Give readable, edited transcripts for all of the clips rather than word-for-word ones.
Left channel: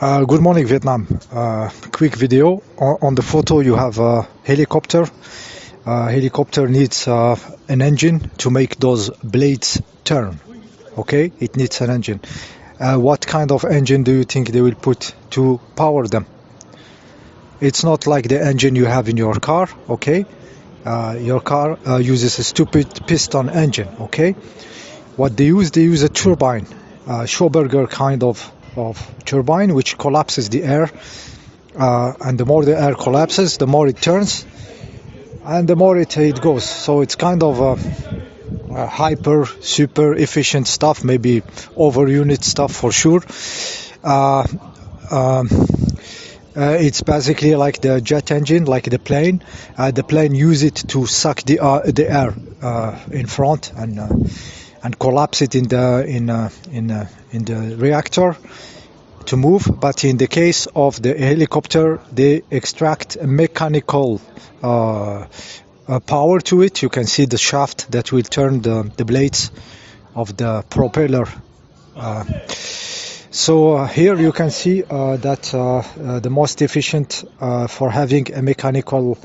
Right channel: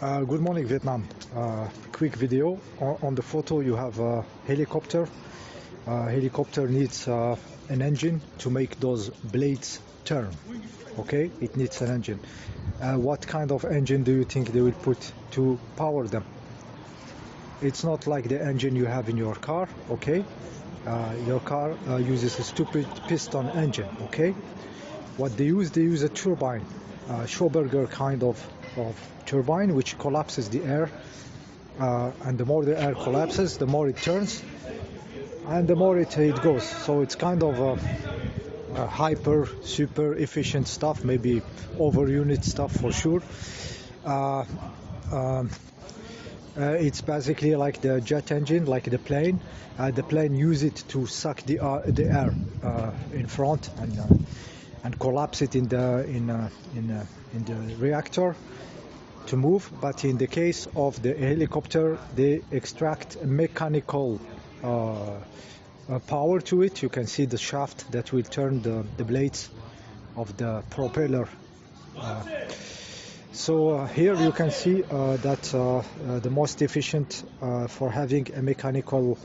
Good morning, Vietnam. Quick video. On the photo, you have a helicopter. Helicopter needs an engine to make those blades turn. Okay, it needs an engine. What kind of engine do you think they will put to power them? It's not like the engine you have in your car. Okay, your car uses a stupid piston engine. Okay, what they use a turbine, Schauberger kind of turbine, which collapses the air, and the more the air collapses, the more it turns, and the more it goes. So it's kind of a hyper super efficient stuff, maybe over unit stuff for sure. It's basically like the jet engine, like the plane. The plane use it to suck the air in front and collapse it in the reactor to move. But in the case of the helicopter, they extract a mechanical power to it. You can see the shaft that will turn the blades of the propeller. So here you can see that the most efficient for having a mechanical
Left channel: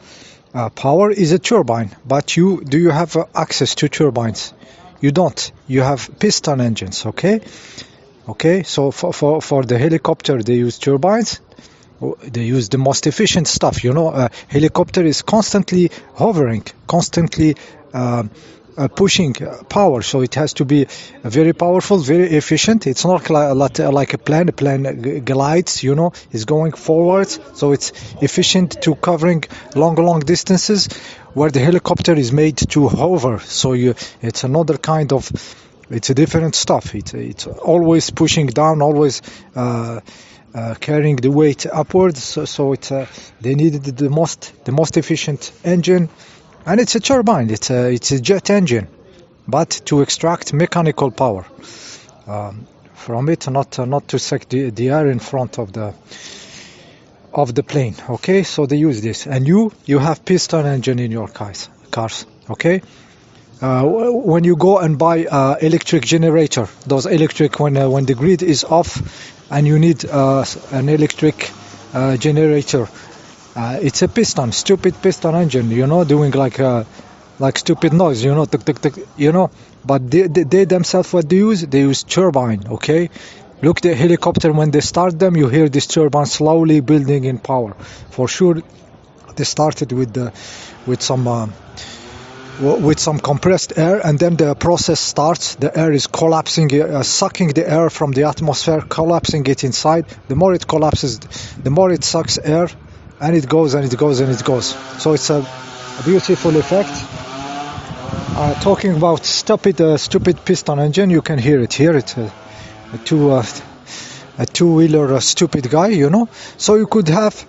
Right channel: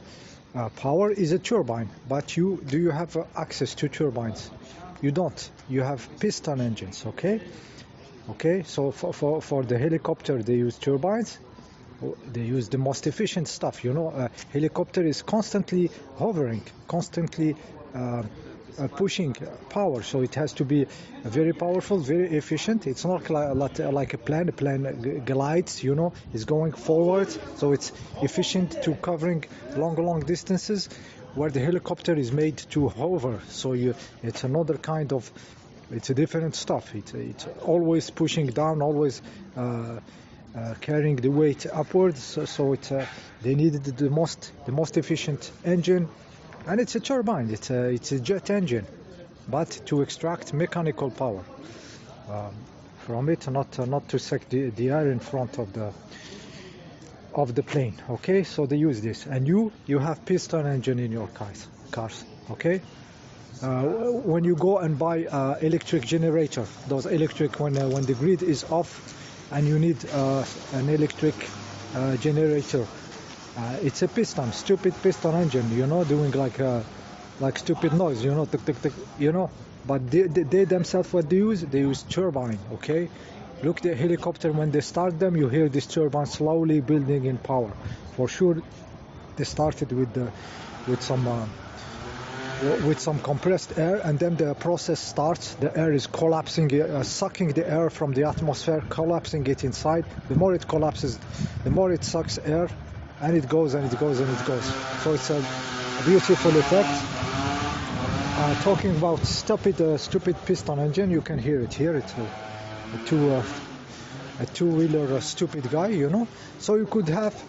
power is a turbine. But do you have access to turbines? You don't. You have piston engines. Okay, so for the helicopter they use turbines. They use the most efficient stuff. Helicopter is constantly hovering, constantly pushing power, so it has to be very powerful, very efficient. It's not like a plane. A plane glides, is going forwards, so it's efficient to covering long distances, where the helicopter is made to hover. So it's another kind of, it's a different stuff. It's always pushing down, always carrying the weight upwards. So it's they needed the most efficient engine. And it's a turbine, it's a jet engine, but to extract mechanical power from it, not to suck the air in front of the plane. Okay, so they use this. And you have piston engine in your cars. Okay, when you go and buy electric generator, those electric, when the grid is off and you need an electric generator. It's a stupid piston engine, doing like stupid noise, tuk, tuk, tuk, But they themselves, what they use turbine. Okay, look, the helicopter, when they start them, you hear this turbine slowly building in power. For sure, they started with some compressed air, and then the process starts. The air is collapsing, sucking the air from the atmosphere, collapsing it inside. The more it collapses, the more it sucks air. And it goes and it goes and it goes. So it's a beautiful effect. Talking about stupid piston engine, you can hear it here. It's a two-wheeler stupid guy, So you could have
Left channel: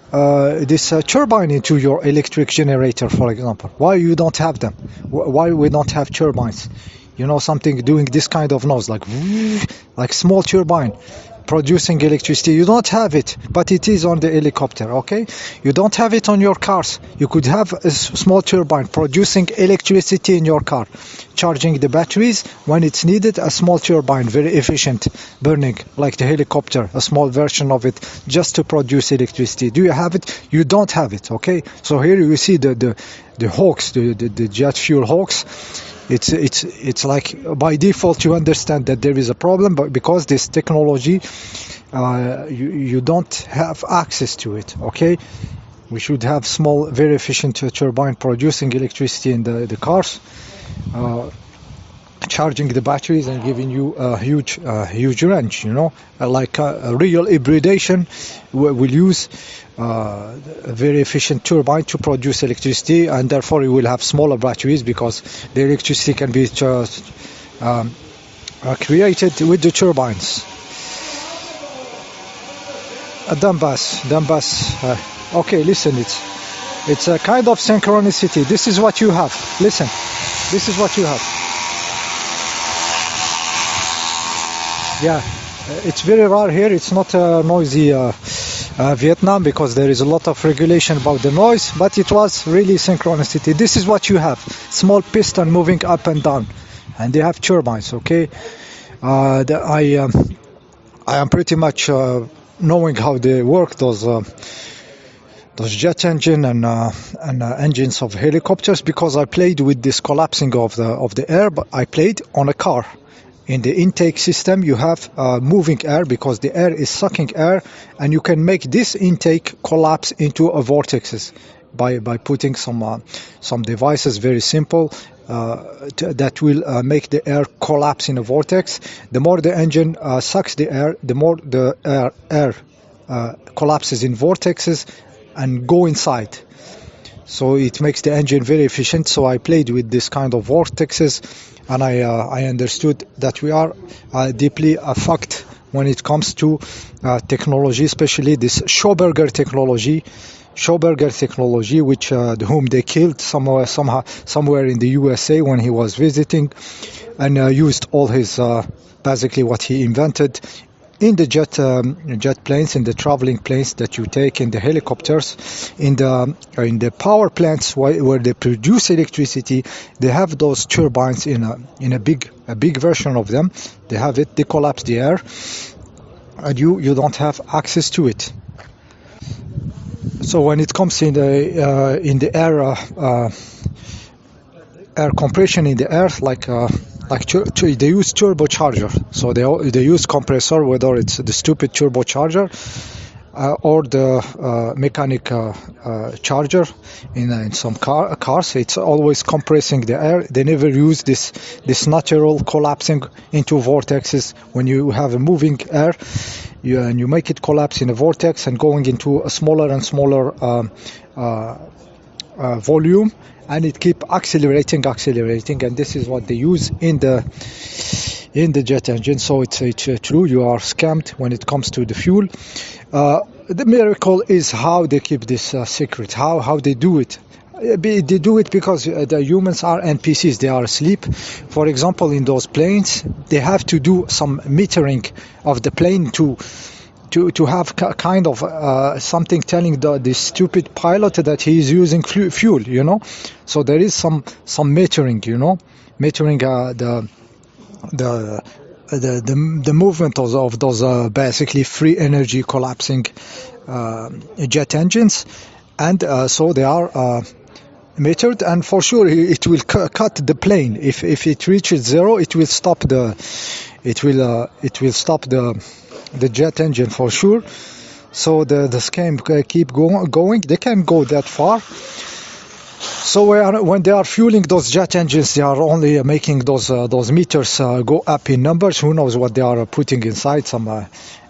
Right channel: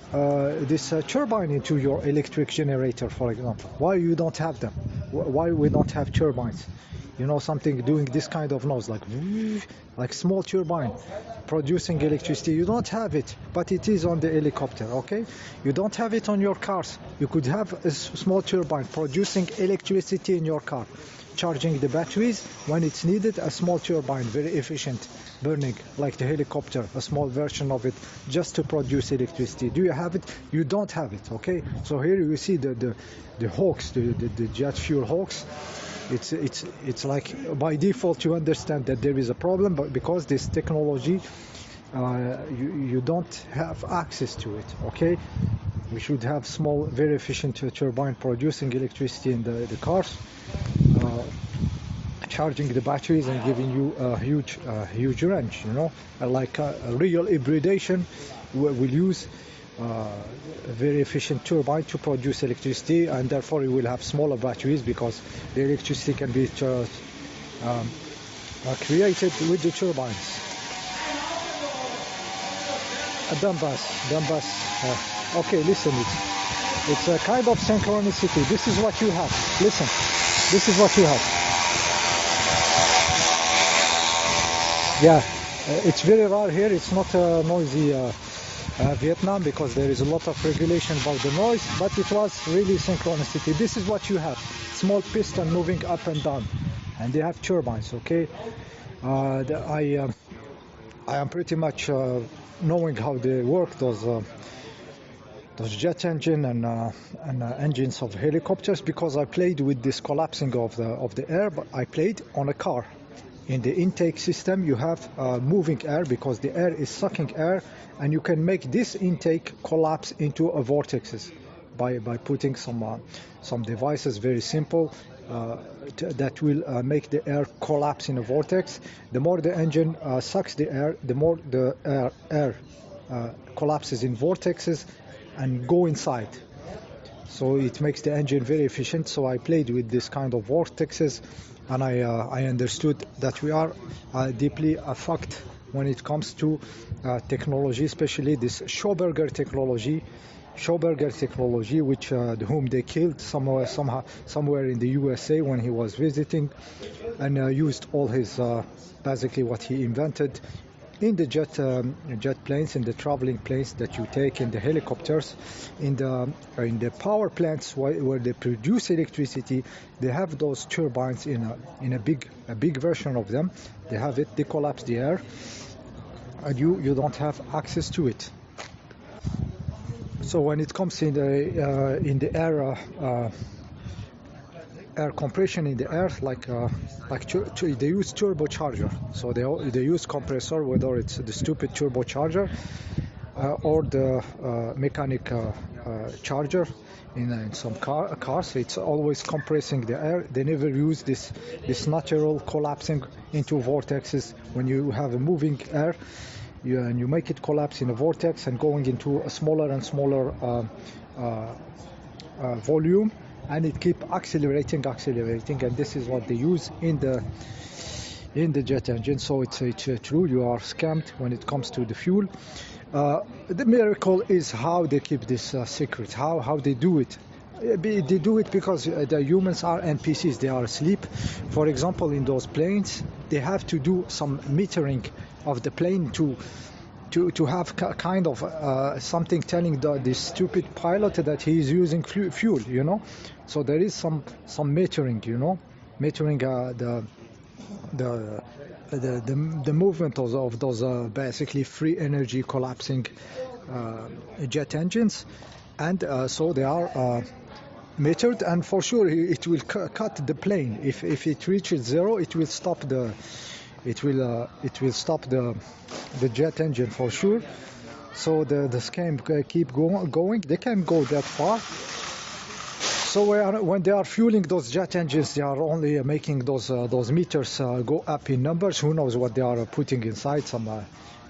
this turbine into your electric generator, for example. Why you don't have them? Why we don't have turbines? Something doing this kind of noise, like small turbine. Producing electricity. You don't have it, but it is on the helicopter. Okay, you don't have it on your cars. You could have a small turbine producing electricity in your car, charging the batteries when it's needed. A small turbine, very efficient, burning like the helicopter, a small version of it, just to produce electricity. Do you have it? You don't have it. Okay, so here you see the hoax, the jet fuel hoax. It's like by default you understand that there is a problem, but because this technology you don't have access to it. Okay, we should have small, very efficient turbine producing electricity in the cars, charging the batteries and giving you a huge range. Like a real hybridation will use a very efficient turbine to produce electricity, and therefore you will have smaller batteries because the electricity can be created with the turbines. Donbass. Okay, listen, it's a kind of synchronicity. This is what you have. Listen, this is what you have. Yeah, it's very rare here. It's not noisy Vietnam, because there is a lot of regulation about the noise, but it was really synchronicity. This is what you have: small piston moving up and down, and they have turbines. Okay, I am pretty much knowing how they work, those jet engine and engines of helicopters, because I played with this collapsing of the air, but I played on a car. In the intake system, you have moving air because the air is sucking air, and you can make this intake collapse into a vortexes by putting some devices, very simple, that will make the air collapse in a vortex. The more the engine sucks the air, the more the air collapses in vortexes and go inside. So it makes the engine very efficient. So I played with this kind of vortexes, and I understood that we are deeply fucked when it comes to technology, especially this Schauberger technology, which whom they killed somewhere in the USA when he was visiting, and used all his basically what he invented in the jet planes, in the traveling planes that you take, in the helicopters, in the power plants where they produce electricity. They have those turbines in a big version of them. They have it. They collapse the air, and you don't have access to it. So when it comes in the air compression in the air, like they use turbocharger, so they use compressor, whether it's the stupid turbocharger or the mechanic charger in some cars. It's always compressing the air. They never use this natural collapsing into vortexes. When you have a moving air, you make it collapse in a vortex and going into a smaller and smaller volume, and it keep accelerating, and this is what they use in the jet engine. So it's true, you are scammed when it comes to the fuel. The miracle is how they keep this secret, how they do it. They do it because the humans are NPCs, they are asleep. For example, in those planes, they have to do some metering of the plane to have kind of something telling the stupid pilot that he is using fuel, you know. So there is some metering, you know, metering the movement of those basically free energy collapsing jet engines, and so they are metered, and for sure it will cut the plane. If it reaches zero, it will stop the jet engine for sure. So the scam keep going. They can't go that far. So when they are fueling those jet engines, they are only making those meters go up in numbers. Who knows what they are putting inside?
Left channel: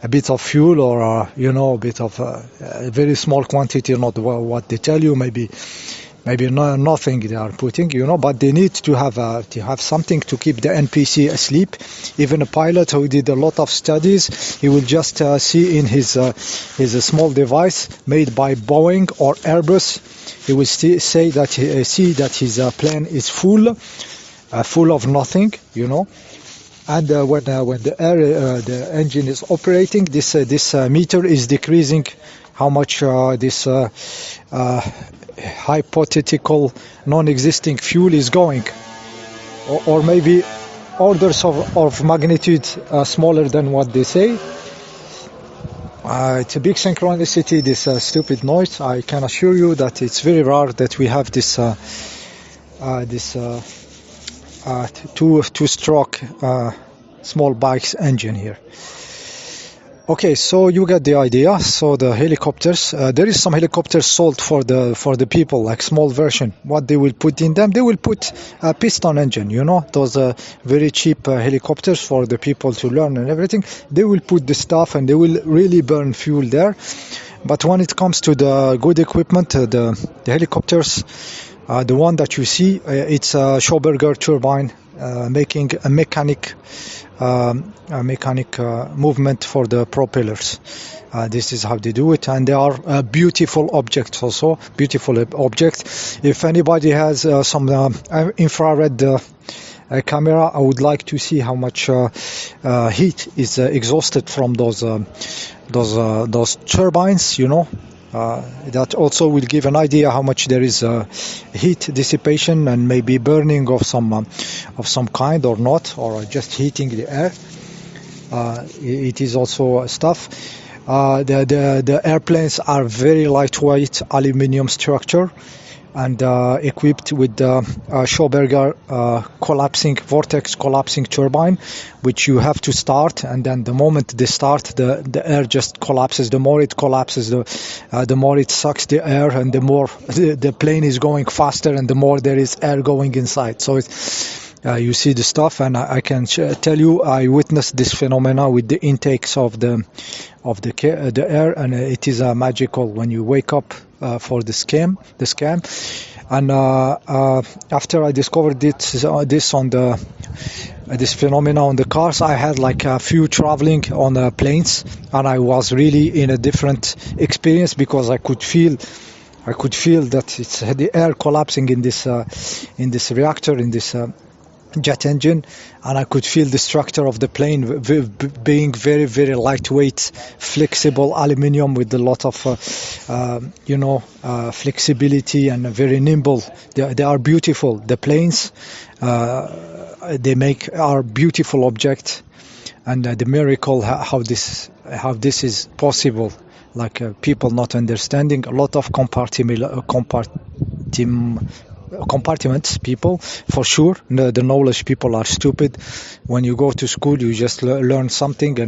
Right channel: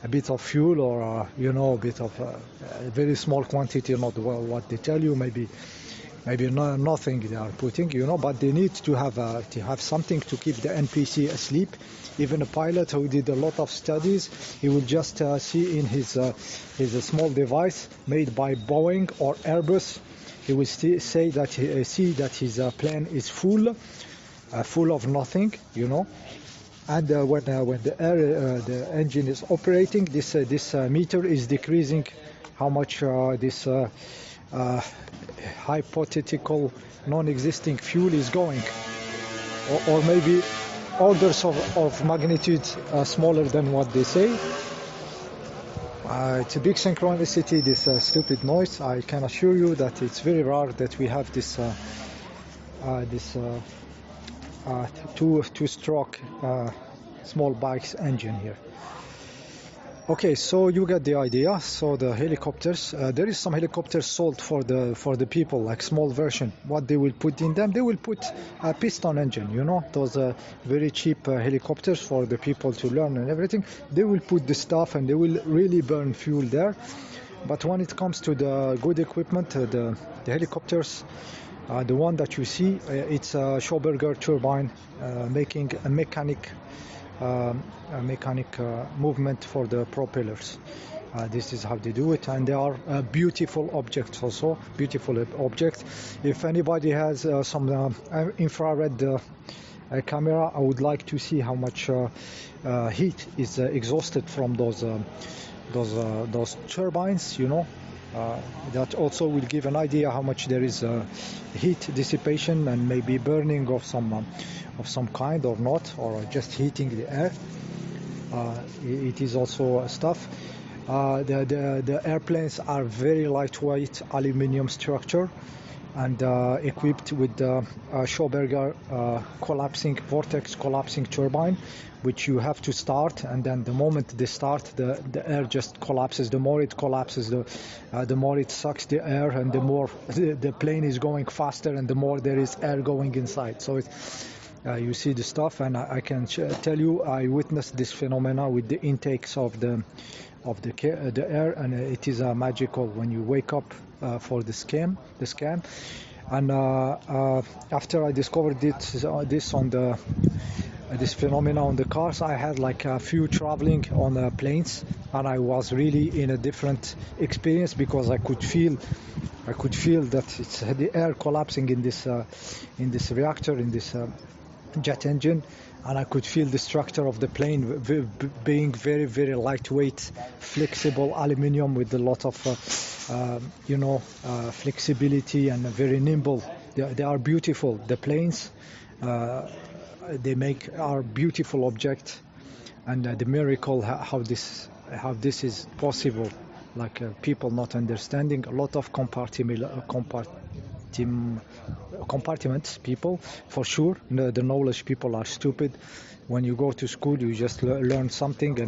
A bit of fuel, or you know, a bit of a very small quantity, not what they tell you. Maybe nothing they are putting, you know, but they need to have something to keep the NPC asleep. Even a pilot who did a lot of studies, he will just see in his small device made by Boeing or Airbus, he will say that see that his plane is full of nothing, you know. And when the engine is operating, this meter is decreasing how much this hypothetical non-existing fuel is going, or maybe orders of magnitude smaller than what they say. It's a big synchronicity, this stupid noise. I can assure you that it's very rare that we have this two-stroke small bikes engine here. Okay, so you get the idea. So the helicopters, there is some helicopters sold for the people, like small version. What they will put in them, they will put a piston engine, you know, those very cheap helicopters for the people to learn and everything. They will put the stuff and they will really burn fuel there. But when it comes to the good equipment, the helicopters, the one that you see, it's a Schauberger turbine making a mechanic movement for the propellers. This is how they do it, and they are beautiful objects, also beautiful objects. If anybody has some infrared camera, I would like to see how much heat is exhausted from those turbines, you know. That also will give an idea how much there is heat dissipation and maybe burning of some kind or not, or just heating the air. It is also stuff. The airplanes are very lightweight aluminum structure and equipped with the Schauberger vortex collapsing turbine, which you have to start, and then the moment they start, the air just collapses. The more it collapses, the more it sucks the air, and the more the plane is going faster, and the more there is air going inside. So you see the stuff, and I can tell you, I witnessed this phenomena with the intakes of the air, and it is magical when you wake up for the scan. And after I discovered this on this phenomena on the cars, I had like a few traveling on planes, and I was really in a different experience because I could feel that it's the air collapsing in this reactor, in this jet engine, and I could feel the structure of the plane being very, very lightweight, flexible aluminum with a lot of flexibility and very nimble. They are beautiful. The planes are beautiful objects, and the miracle how this is possible, like people not understanding, a lot of compartments people, for sure. The knowledge people are stupid. When you go to school, you just learn something,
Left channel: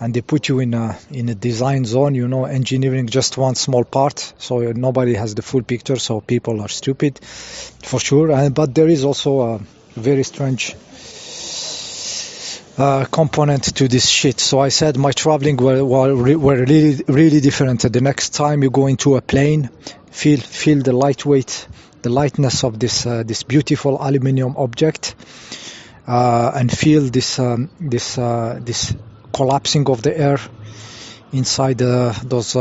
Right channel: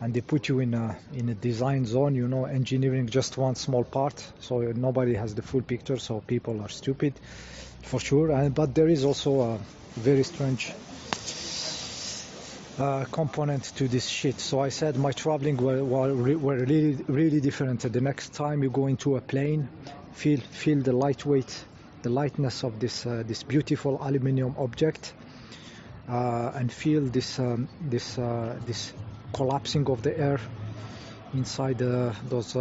and they put you in a design zone, engineering just one small part, so nobody has the full picture. So people are stupid, for sure. But there is also a very strange component to this shit. So I said my traveling were really, really different. The next time you go into a plane, feel the lightness of this beautiful aluminum object, and feel this collapsing of the air inside those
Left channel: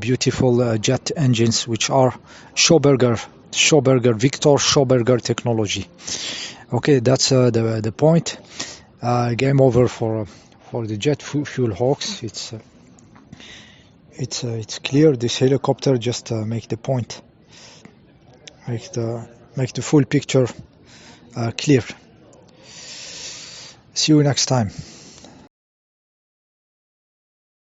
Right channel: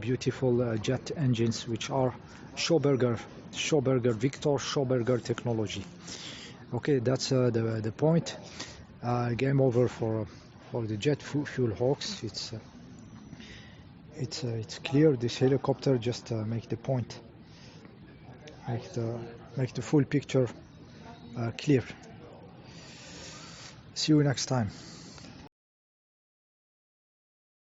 beautiful jet engines, which are Viktor Schauberger technology. Okay, that's the point. Game over for the jet fuel hoax. It's clear. This helicopter just make the point, make the full picture clear. See you next time.